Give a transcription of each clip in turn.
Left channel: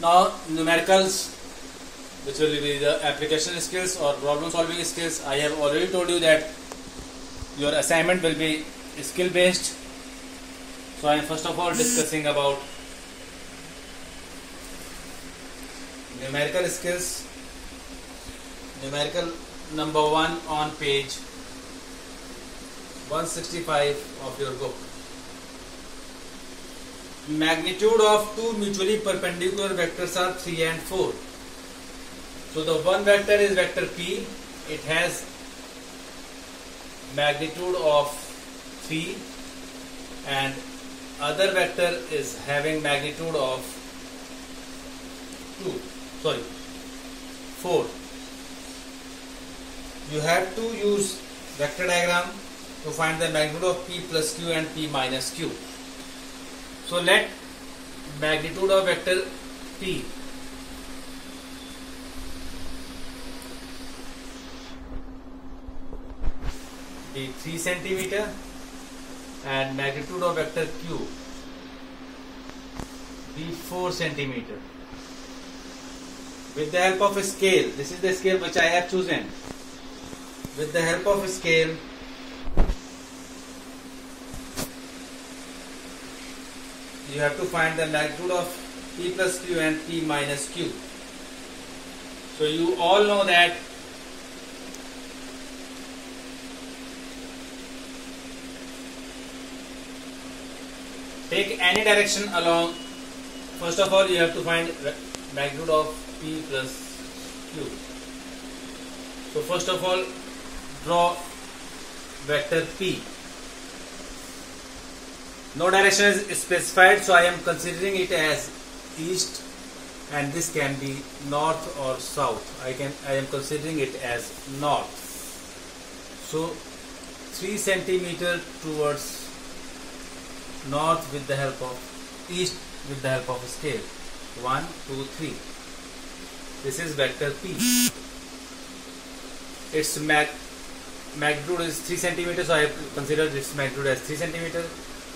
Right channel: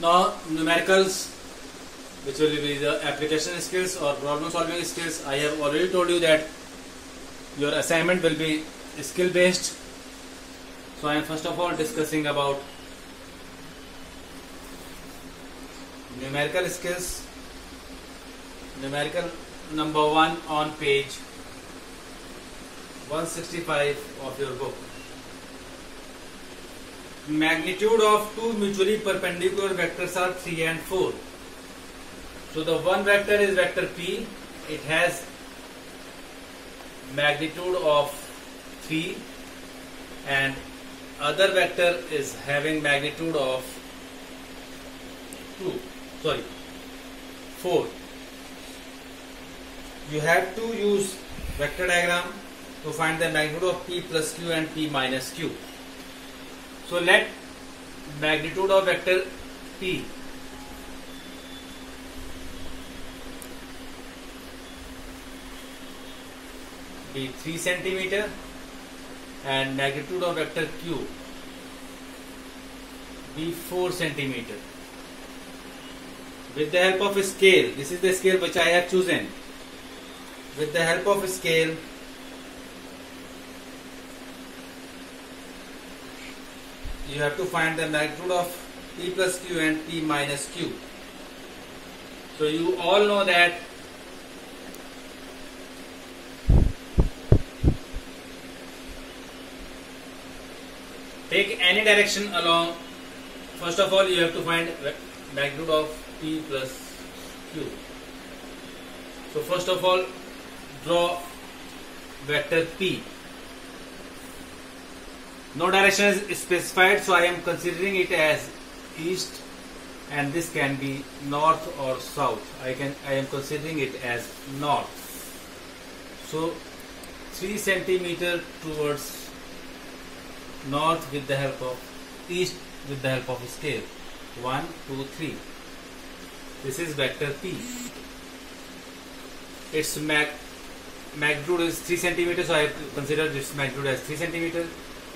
Now numericals, which will be the application skills or problem solving skills. I have already told you that your assignment will be skill based. So I am first of all discussing about numerical skills. Numerical number 1 on page 165 of your book. Magnitude of two mutually perpendicular vectors are 3 and 4. So the one vector is vector P. It has magnitude of 3 and other vector is having magnitude of 4. You have to use vector diagram to find the magnitude of P plus Q and P minus Q. So let magnitude of vector P be 3 centimeter and magnitude of vector Q be 4 centimeter. With the help of a scale, this is the scale which I have chosen. With the help of a scale, you have to find the magnitude of P plus Q and P minus Q. So you all know that take any direction along. First of all, you have to find magnitude of P plus Q. So first of all, draw vector P. No direction is specified, so I am considering it as east, and this can be north or south. I am considering it as north. So 3 centimeter towards north with the help of east with the help of a scale. 1, 2, 3. This is vector P. Its magnitude is 3 centimeters, so I have considered its magnitude as 3 centimeters.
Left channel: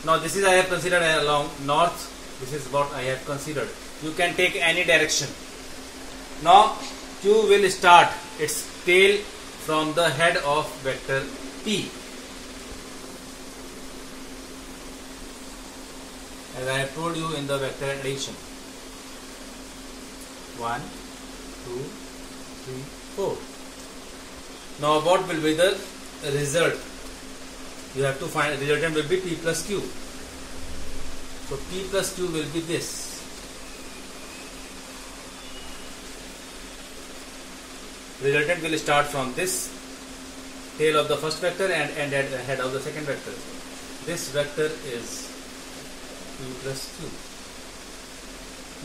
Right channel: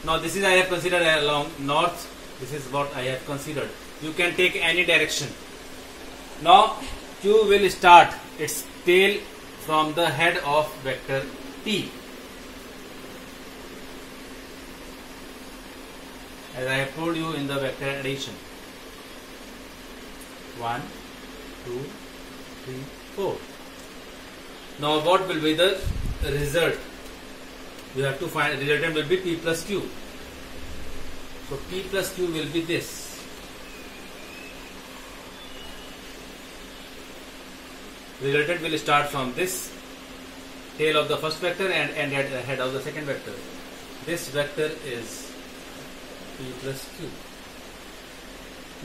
Now this is I have considered along north. This is what I have considered. You can take any direction. Now Q will start its tail from the head of vector P. As I have told you in the vector addition. 1, 2, 3, 4. Now what will be the result? You have to find, resultant will be P plus Q. So P plus Q will be this. Resultant will start from this tail of the first vector and end at the head of the second vector. This vector is P plus Q.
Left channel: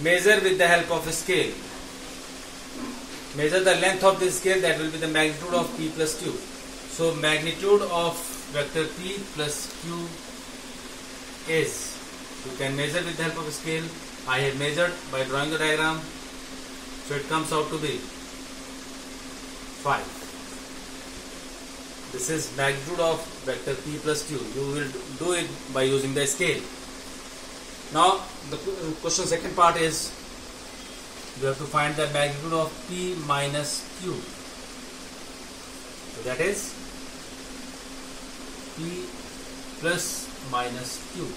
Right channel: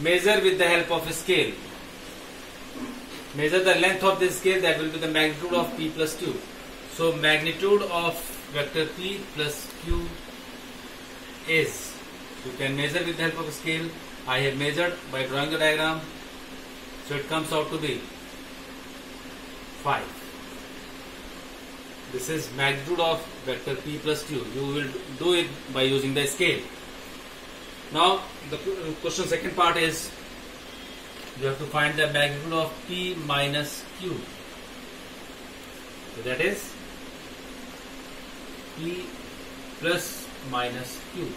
Measure with the help of a scale. Measure the length of this scale, that will be the magnitude of P plus Q. So magnitude of vector P plus Q is, you can measure with the help of a scale. I have measured by drawing a diagram. So it comes out to be 5. This is magnitude of vector P plus Q. You will do it by using the scale. Now the question second part is, you have to find the magnitude of P minus Q. So that is P plus minus Q.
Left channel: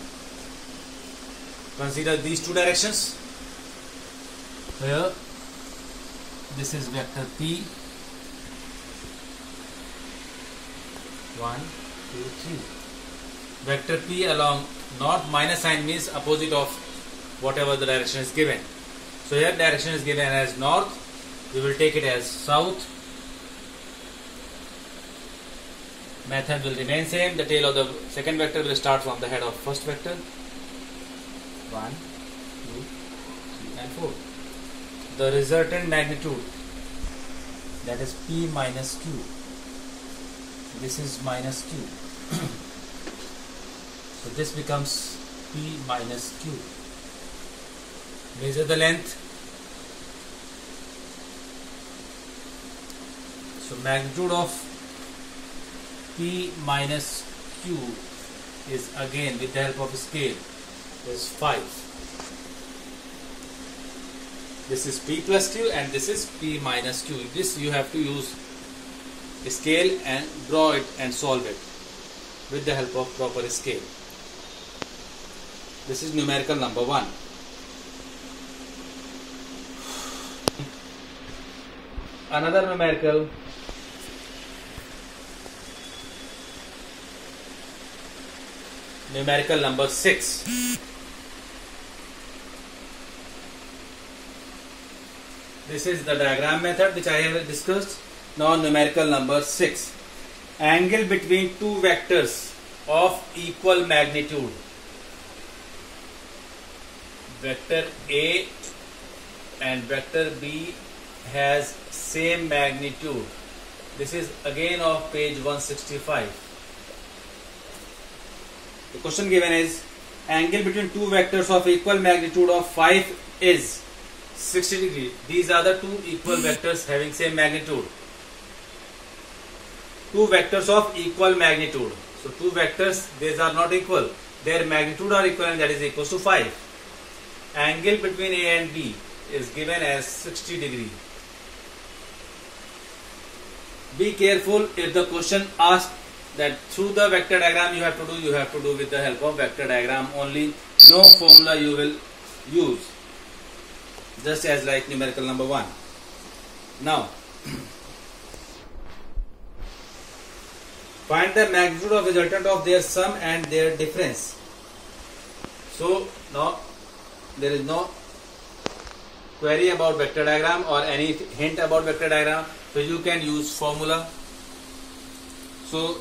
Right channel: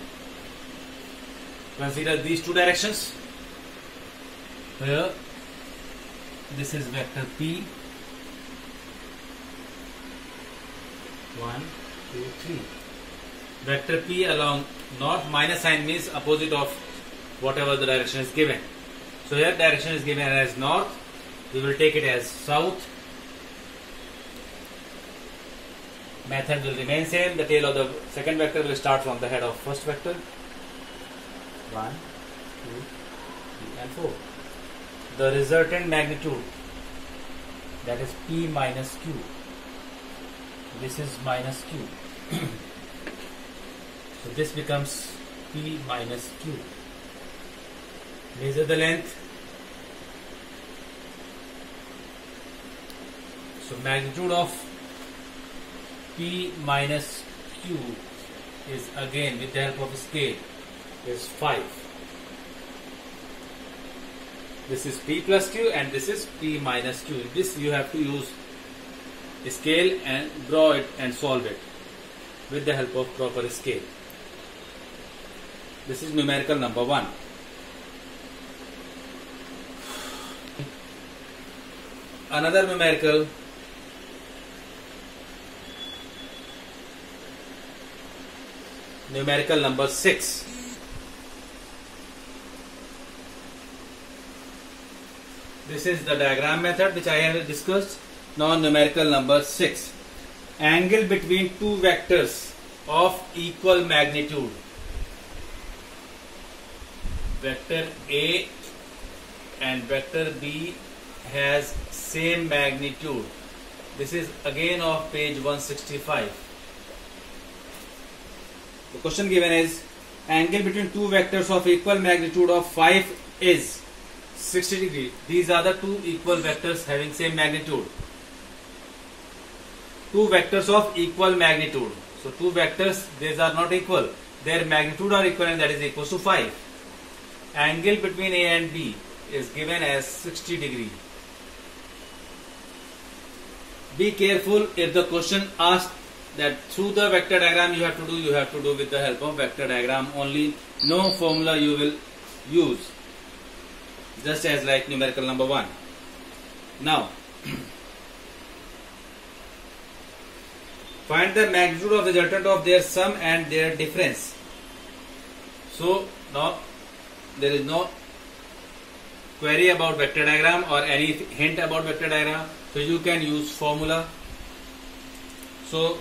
Consider these two directions. Here this is vector P. 1, 2, 3. Vector P along north, minus sign means opposite of whatever the direction is given. So here direction is given as north. We will take it as south. Method will remain same. The tail of the second vector will start from the head of first vector. 1, 2, 3 and 4. The resultant magnitude, that is P minus Q. This is minus Q. So this becomes P minus Q. Measure the length. So magnitude of P minus Q is again with the help of a scale is 5. This is P plus Q and this is P minus Q. This you have to use scale and draw it and solve it with the help of proper scale. This is numerical number 1. Another numerical, numerical number 6. This is the diagram method which I have discussed. Now numerical number 6. Angle between two vectors of equal magnitude. Vector A and vector B has same magnitude. This is again of page 165. The question given is angle between two vectors of equal magnitude of 5 is 60 degrees. These are the two equal vectors having same magnitude. Two vectors of equal magnitude. So two vectors, these are not equal. Their magnitude are equal and that is equal to 5. Angle between A and B is given as 60 degree. Be careful if the question asks that through the vector diagram you have to do with the help of vector diagram only. No formula you will use. Just as like numerical number 1. Now, find the magnitude of resultant of their sum and their difference. So, now there is no query about vector diagram or any hint about vector diagram. So, you can use formula. So,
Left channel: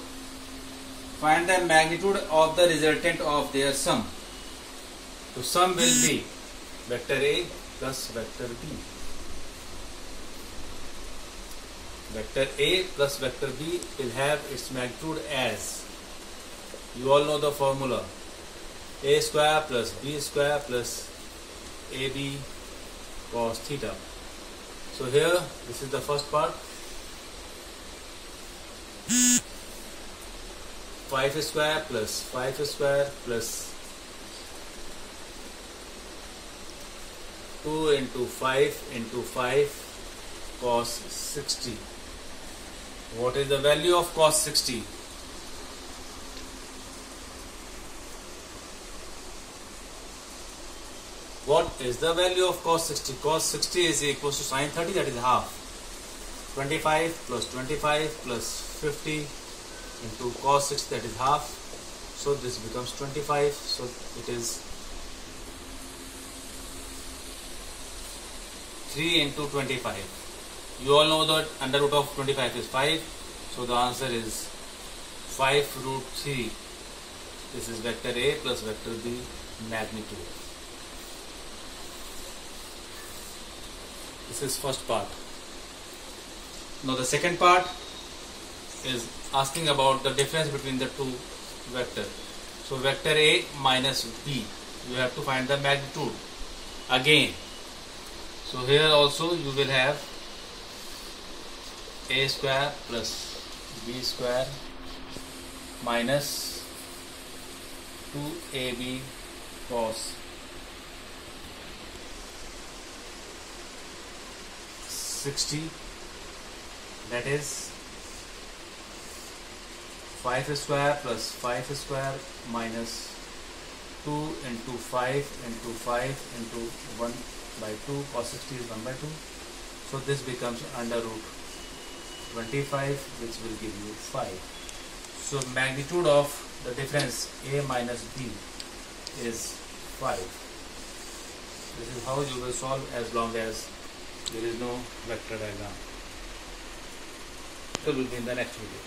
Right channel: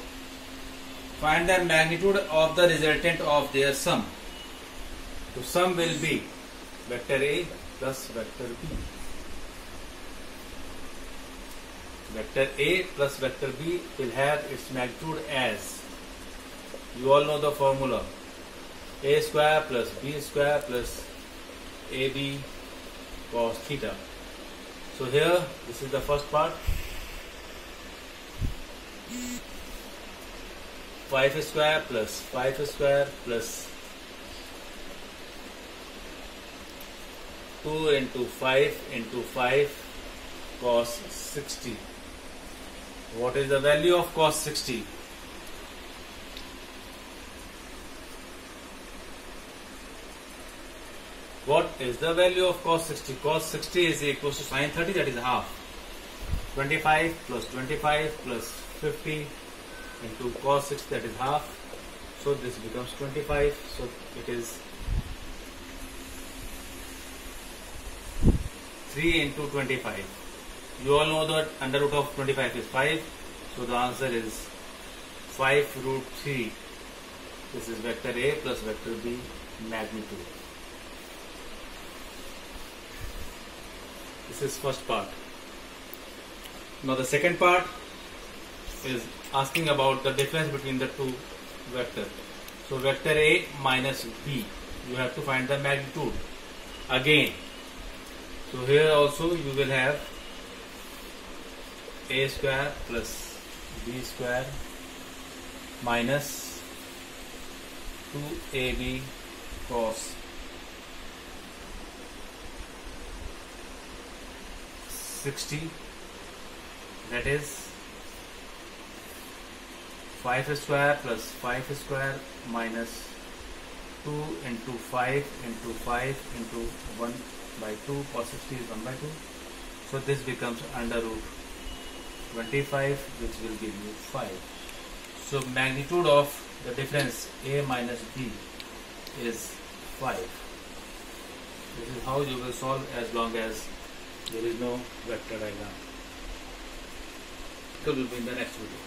find the magnitude of the resultant of their sum. So, sum will be vector A plus vector B. Vector A plus vector B will have its magnitude as, you all know the formula, A square plus B square plus AB cos theta. So here, this is the first part. 5 square plus 5 square plus 2 into 5 cos 60. What is the value of cos 60? What is the value of cos 60? Cos 60 is equal to sin 30, that is half. 25 plus 25 plus 50 into cos 60, that is half. So this becomes 25. So it is 3 into 25. You all know that under root of 25 is 5. So the answer is 5 root 3. This is vector A plus vector B magnitude. This is first part. Now the second part is asking about the difference between the two vectors. So vector A minus B, you have to find the magnitude again. So here also you will have A square plus B square minus 2AB cos 60, that is 5 square plus 5 square minus 2 into 5 into 5 into 1 by 2, cos 60 is 1 by 2. So this becomes under root 25, which will give you 5. So magnitude of the difference A minus B is 5. This is how you will solve as long as there is no vector diagram. It will be in the next video.